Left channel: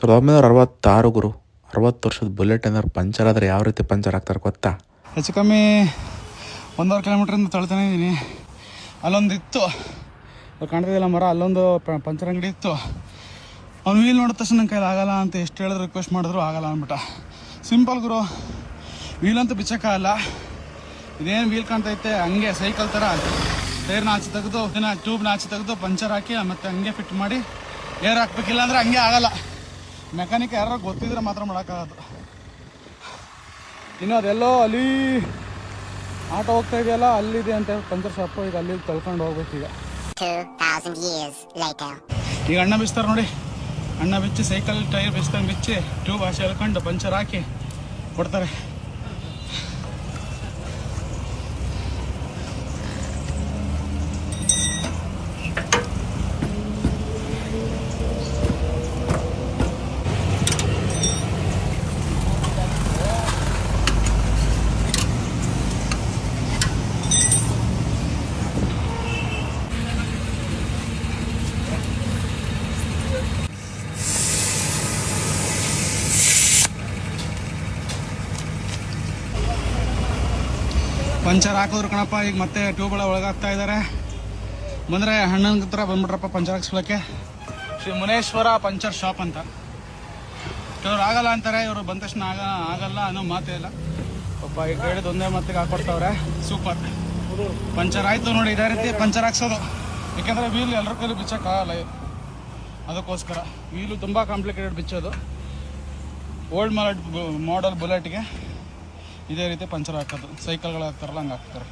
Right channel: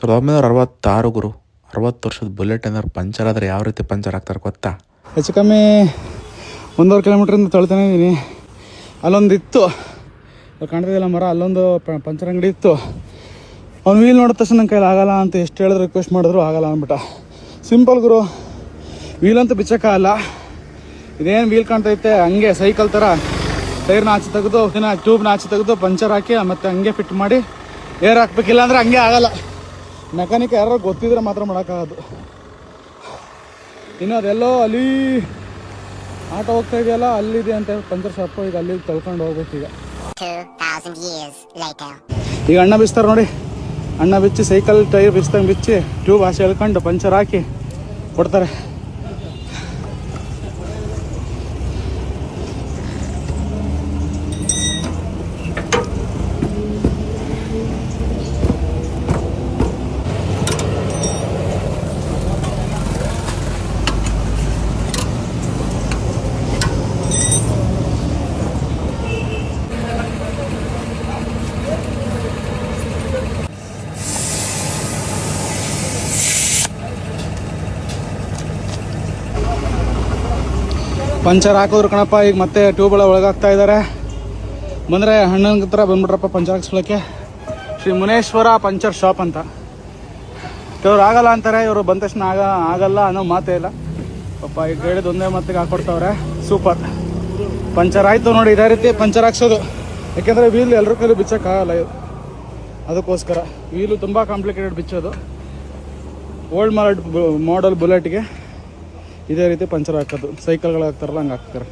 1966 ಗುರು. 60 ವರ್ಷದ ಬುಲೆಟ್ ಏನಾದ್ರು ಪಂಚರ್ ಆದರೆ ಯಾವ ರೀತಿ ಪಂಚರ್ ಆಗ್ತಾರೆ ಗೊತ್ತಾ? ಹೆಚ್ಚು ಕಮ್ಮಿ 1.5 ಕಿಲೋಮೀಟ್ರಿಂದ ತೊಳ್ತಾನೆ ಇದ್ದೀನಿ. ಅಲ್ಲೊಂದು ಇತ್ತು, ಕಾಣ್ತಿದ್ದಿಲ್ಲ ಮರ, ಅಲ್ಲೊಂದು ಪಂಚರ್ ಅಂಗಡಿ ಇತ್ತು. ಅವ್ನು ವೀಲ್ ನೋಡಿದ ತಕ್ಷಣ ನನ್ನ ಕೈಲಿ ಆಗಲ್ಲ ಅಂತ ಎಷ್ಟು ಹೇಳಿದ್ರು ರಿಕ್ವೆಸ್ಟ್ ಮಾಡಿದ್ರು ಆಗಲ್ಲ ಅಂದ್ಬಿಟ್ಟ. ಸಿಂಪಲ್ ಗುರು, ವೀಲಂತೂ ಬಿಚ್ಚಕ್ಕಾಗಲ್ಲ. ಇದೇನು ವೀಲ್ ಕಾಣ್ತೈತೆ ಹಂಗೆ ಸೈಕಲ್ ಥರ ಟೈರ್ನ ಆಚೆ ತೆಗೆದು ಟ್ಯೂಬ್ನ ಆಚೆ ತೆಗೆದು ಪಂಚರ್ ಹಾಕಿ ಮತ್ತೆ ಹಂಗೆ ಫಿಟ್ ಮಾಡಿ ಏರ್ ಹಾಕ್ಬೇಕಿಲ್ಲ ಅಂದರೆ ಹಂಗೆ ಆಗಲ್ಲ. ಮೆಕ್ಯಾನಿಕ್ ಯಾರು ಗೊತ್ತಿದ್ರೆ ಮಾತ್ರ ಮಾಡೋಕ್ಕಾಗೋದು. ಇನ್ನು ಅದೆಲ್ಲೋ ಅಲ್ಲಿ ಆಟೋ ಹೋಗ್ತಾ ಇದೆಯಲ್ಲ, ಅಲ್ಲಿದೆ ಅಂತ ಪಂಚರ್ ಶಾಪು. ಈಗ ಅಲ್ಲಿ ಕಳ್ಕೊಂಡು ಹೋಗ್ಬೇಕು. ಈಗ ಅಣ್ಣ ಬಿಚ್ತಾರೆ ನೋಡಿ, ಅಣ್ಣ ಬಿಚ್ಚಿ ಸೈಕಲ್ ಟೈರ್ ಬಿಚ್ದಂಗೆ ಬಿಚ್ಚಿ ಟ್ಯೂಬ್ ಆಸೆ ಎಳ್ಕೊಂಡು ಪಂಚರ್ ಹಾಕಿ ಕೊಡ್ತಾರೆ. ಪಂಚರ್ ಹಾಕೋದ್ರು ಕಣಪ್ಪ. ಈಗ ಮತ್ತೆ ಟ್ಯೂಬ್ಗಳ ಒಳಗಾಗ್ತಾ ಇದ್ದಾರೆ. ಬಂದರೆ ಅಣ್ಣನ ಹತ್ರ ಬಂದ್ಬಿಟ್ರಪ್ಪ ಪಂಚರ್ ಹಾಕ್ಸ್ಕೊಳ್ಳೋಕ್ಕೆ. ಶ್ರೀ ಮುನೇಶ್ವರ ಪಂಚರ್ ಶಾಪ್ ಅಂತ. ಕೆಲವ್ರು ಆಗಲ್ಲ ಅಂತಾರೆ, ಇವರು ಬಂದ ತಕ್ಷಣ ಆಗಲ್ಲ ಅನ್ನೋ ಮಾತೇ ಇಲ್ಲ ಪಾಪ. ಈಗ ಹೇಳಿದ ಒಂದೇ ಮಾತಿಗೆ ಹಾಕೊಡ್ತಾವ್ರೆ. ಸೂಪರ್. ಪಂಚರ್ ಆಯಿತು ನೋಡಿ, ಇದೇ ರೀತಿ ಪಂಚರ್ ಹಾಕ್ಸೋದು. ಯಾಕೆಂದರೆ ವೀಲ್ ಎಲ್ಲರ ಕೈಲೂ ಬಿಚ್ಚೋಕ್ಕಾಗಲ್ಲ ಇವು, ಅದಕ್ಕೋಸ್ಕರ. ವೀಲು ತುಂಬ ಕಾಂಪ್ಲಿಕೇಟೆಡ್ ಬಿಚ್ಚೋದು. ಓಲ್ಡ್ ಮಾಡಲ್ ಬುಲೆಟ್ಗೆ ಇದೇ ರೀತಿ ಪಂಚರ್ ಹಾಕೋದು. ಸೈಕಲ್ಗಳು ಹಾಕ್ತಾರಲ್ಲ ಹಂಗೆ ಹಾಕ್ತಾರೆ.